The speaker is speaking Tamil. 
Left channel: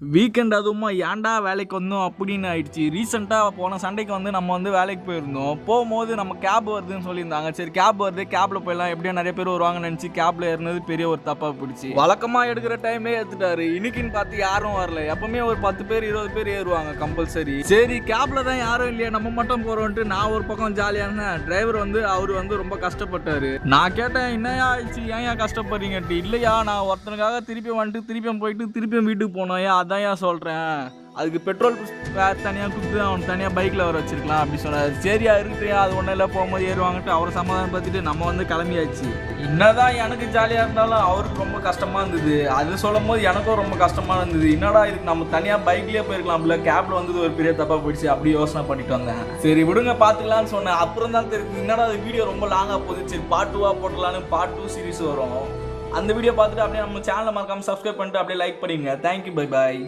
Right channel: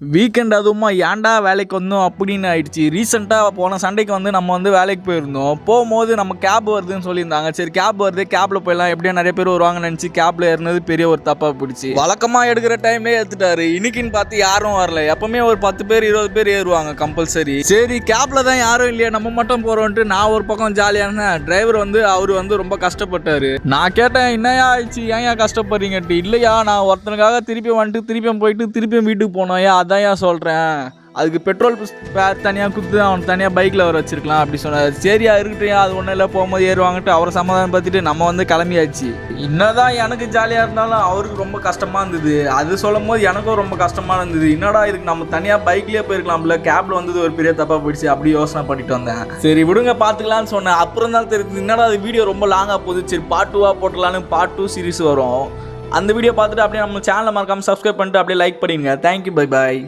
வீக்கெண்ட் அதுவுமா ஏன்டா வேலைக்கு வந்தோம் அப்படின்னு ஆயிடுச்சு. ரீசெண்டாக போன சண்டைக்கு வந்து நம்ம வந்து வேலைக்கு போயிருந்தோம். போகும்போது நம்ம கேப் வருதுன்னு சொல்லியிருந்தாங்க. சரி கேப் வருது, கேப்பில் போயிடலாம், எப்படியா நிறைய பேர் வருவாங்கன்னு நினச்சி கேப்பில் ஏறினது பெரிய ஒரு தப்பாக பிடிச்சி. வழக்கமாக எடுக்கிற டைம்லேயே ஏற்றுட்டாரு. இன்னைக்குன்னு பார்த்து யாரும் வரல. எப்பவுமே ஒரு 10 பேர் 20 பேர் ஏறுவாங்க கம்பல்சரி. சரி கேப்பில் தான் யாரும் இல்லையா, நம்ம மட்டும் போகிறோன்ட்டு நான் ஒரு பக்கம் ஜாலியாக இருந்தேன். டிரைவர் வந்து அவர் வந்து ரொம்ப கஷ்டப்பட்டார். நான் கேட்டேன், என்னையா ஆயிடுச்சு, ஏன் கஷ்டப்படுறீங்கன்ட்டு. இல்லையா, நான் ஒருத்தனுக்காக திருப்பி வந்துட்டு திருப்பியும் போயிட்டு திருப்பியும் வீட்டுக்கு போனோம். அதான் ஏன் சொல்கிறேன், அதுக்கு பெட்ரோல் தனியாக கொடுத்து அவன் தனியாக பைக்கில் வர வச்சிருக்கலாம் அப்படி சொன்னார். சரியா இருக்கட்டும், அது ஒன்றும் இல்லை, போகும்போது ஏறுவாங்கட்டு அவரை சமாதானம் பார்த்துட்டு நம்ம வந்து கிளம்பியாச்சு. என்னதான் எனக்கு ஜாலியாக இருந்தாலும் அவருக்கு ரொம்ப கஷ்டமாக இருந்தது. அது சொல்லும் போது எனக்கும் ரொம்ப கஷ்டமாக இருந்தது. என்னடா இதுக்கு நம்ம தனியாக பைக்லேயே போயிருக்கலாம்ல, கேபில் வந்தது ஒரு பெரிய தப்பாக போயிடுச்சு அப்படி யோசனை பண்ணிட்டு வந்தேன். சரி விடுங்க பார்த்துக்கலான்னு சொன்னேன். அப்புறம் தான் தெரியுது என்னடா அது வீடியோ ரொம்ப லாங்காக போகுது. சரி பார்ட் 2 போட்டலான்னு பார்ட் 2 சீரிஸ் வரும். அந்த வீடியோ பார்த்துட்டு அப்படியே நம்ம சேனலை மறக்காமல் சப்ஸ்கிரைப் பண்ணிட்டு அப்படியே லைக் பண்ணிடுங்க. Thank you, bye bye.